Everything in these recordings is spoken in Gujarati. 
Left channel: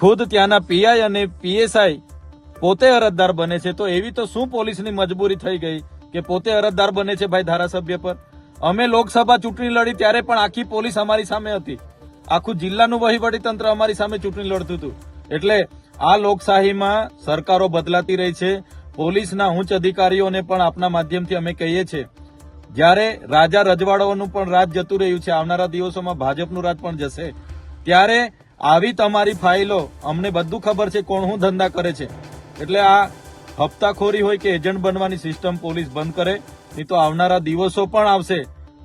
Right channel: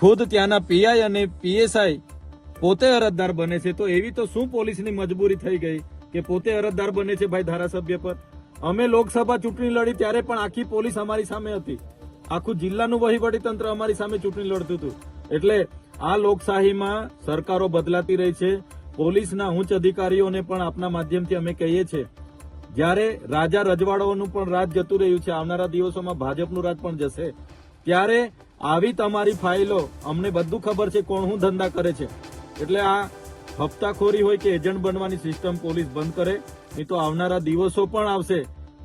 ખુદ ત્યાંના પીઆઈ અને પીએસઆઈ પોતે અરજદાર બને છે, તો એવી તો શું પોલીસની મજબૂરી થઈ ગઈ કે પોતે અરજદાર બને છે ભાઈ ધારાસભ્ય પર? અમે લોકસભા ચૂંટણી લડી ત્યારે પણ આખી પોલીસ અમારી સામે હતી, આખું જિલ્લાનું વહીવટી તંત્ર અમારી સામે ચૂંટણી લડતું હતું. એટલે આ લોકશાહીમાં સરકારો બદલાતી રહી છે. પોલીસના ઉચ્ચ અધિકારીઓને પણ આપના માધ્યમથી અમે કહીએ છીએ, જ્યારે રાજા રજવાડાઓનું પણ રાજ જતું રહ્યું છે, આવનારા દિવસોમાં ભાજપનું રાજ પણ જશે, ત્યારે આવી તમારી ફાઇલો અમને બધું ખબર છે કોણ શું ધંધા કરે છે. એટલે આ હપ્તાખોરી હોય કે એજન્ટ બનવાની સિસ્ટમ પોલીસ બંધ કરે, નહીં તો આવનારા દિવસો પણ આવશે.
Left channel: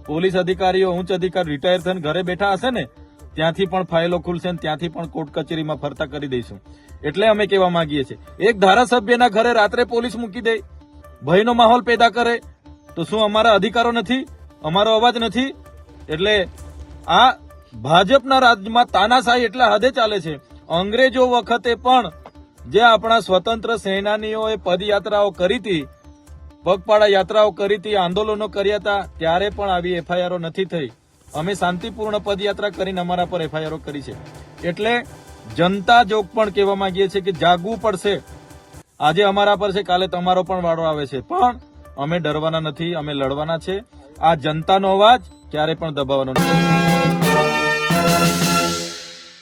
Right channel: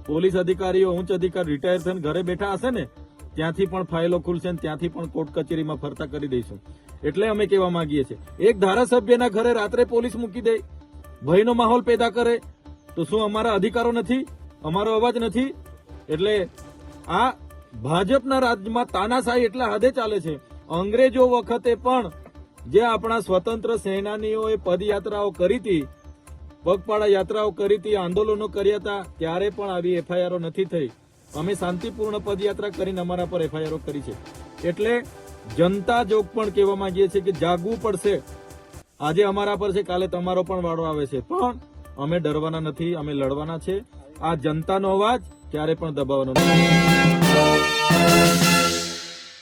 પોલીસ અધિકારીઓ ઉચ્ચ અધિકારી રિટાયર થઈને ઘરે બેઠા હશે ને, ત્યાંથી પણ ફાઇલો ખુલશે ને ત્યાંથી પણ કોર્ટ કચેરીમાં ફરતા કરી દઈશું. એટલે અમે કહેવા માંગીએ છીએ, એક ધારાસભ્યના ઘરે રાત્રે પોલીસ મૂકી દે, ભયનો માહોલ પેદા કરે, તો શું અમારા અધિકારો નથી, અમારો અવાજ નથી? એટલે આ ભાજપના રાજ્યમાં તાનાશાહી એટલા હદે ચાલે છે. અંગ્રેજો વખતે પણ જે આપણા સ્વતંત્ર સેનાનીઓએ પદયાત્રાઓ કરી હતી, પગપાળા યાત્રાઓ કરી હતી, આંદોલનો કર્યા હતા, ત્યારે પણ આવી એફઆઈઆરો નથી થઈ. અમે શાંતિપૂર્ણ પદયાત્રા કરીને અમારા પર એફઆઈઆરો કરી છે. એટલે જનતા જોગ પણ કહેવા માંગીએ છીએ કે જાગવું પડશે. આજે અમારા પર છે, કાલે તમારો પણ વાળો આવે છે, પણ અમે ડરવાના નથી, અમે લડવાના છે. આ જનતાનો અવાજ ક્યારે પણ દબાવવાનો નથી.